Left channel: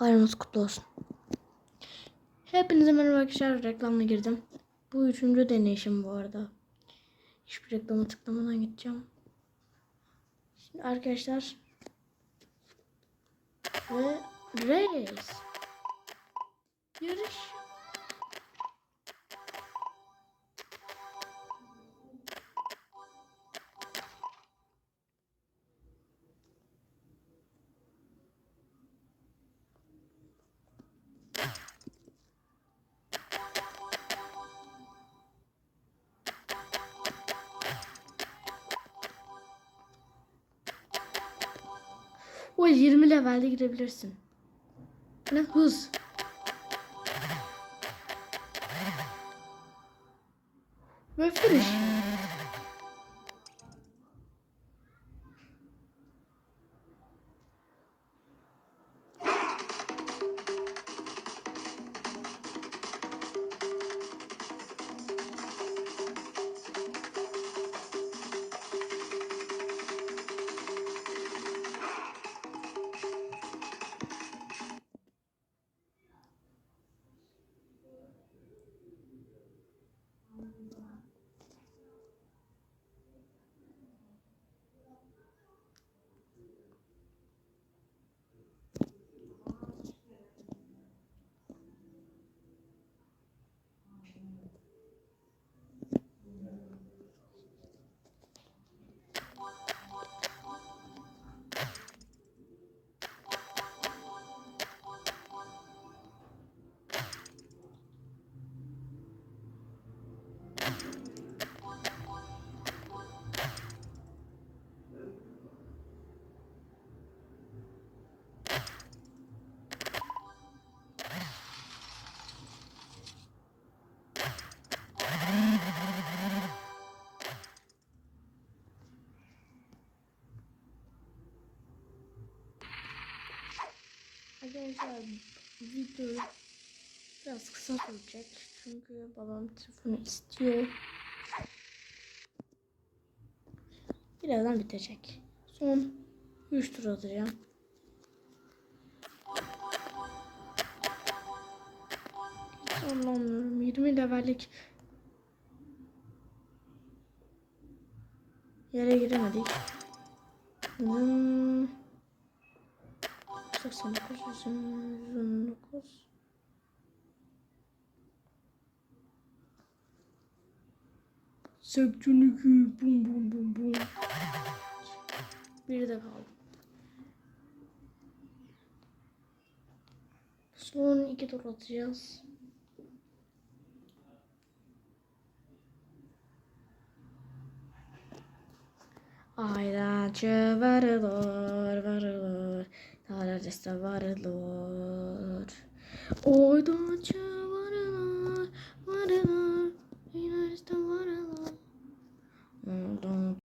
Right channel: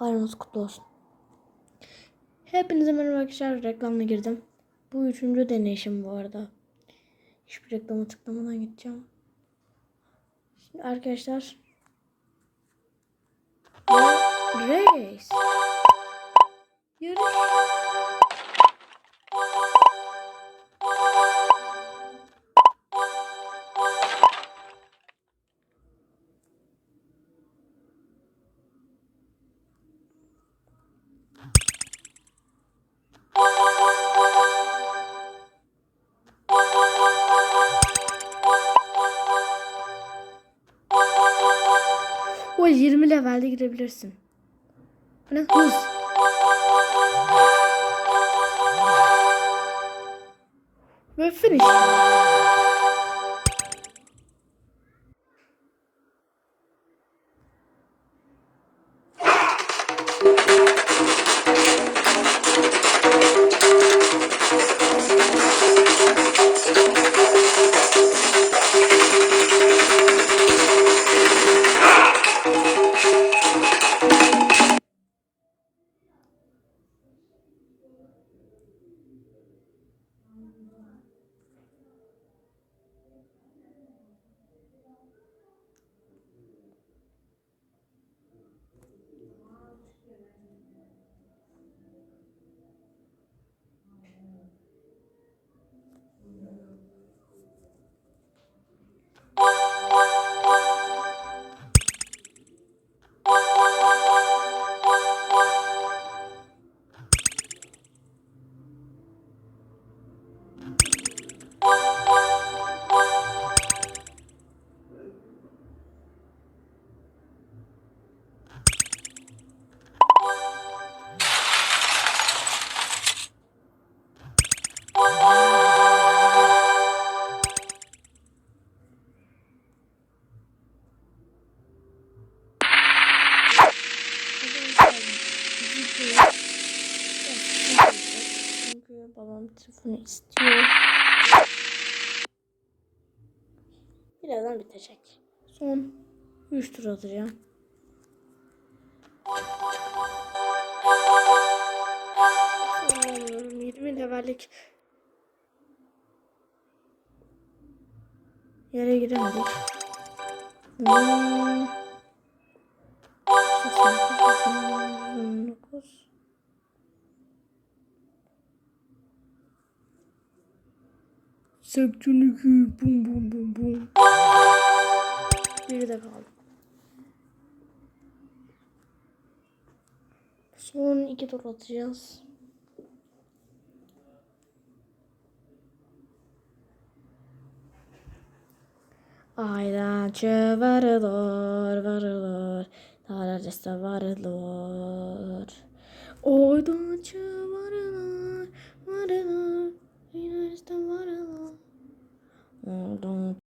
Bayramınız kutlu olsun. Hepinize merhaba arkadaşlar. Reklamla girdim. Bu üçüncü deneyişim bu arada. Hiçbir reklama tıklamadan gideceğim. Şimdi arkadaşlar. Race. Yarış. O 20 levelde girebilirsin. Ne hız. Ve finish. Babam telefonu istiyor. Birazdan bitecek. Son 3 tur atacağım. Anlamıyorum. 20 levellik yere giremedik. Hmm. 89, 89. Septünükü bum bum bum bum. Bir de kaldı. Son iki tur atacağız. Ayrancı varılır varılır. Tararısı varılır. Oydancı varılır.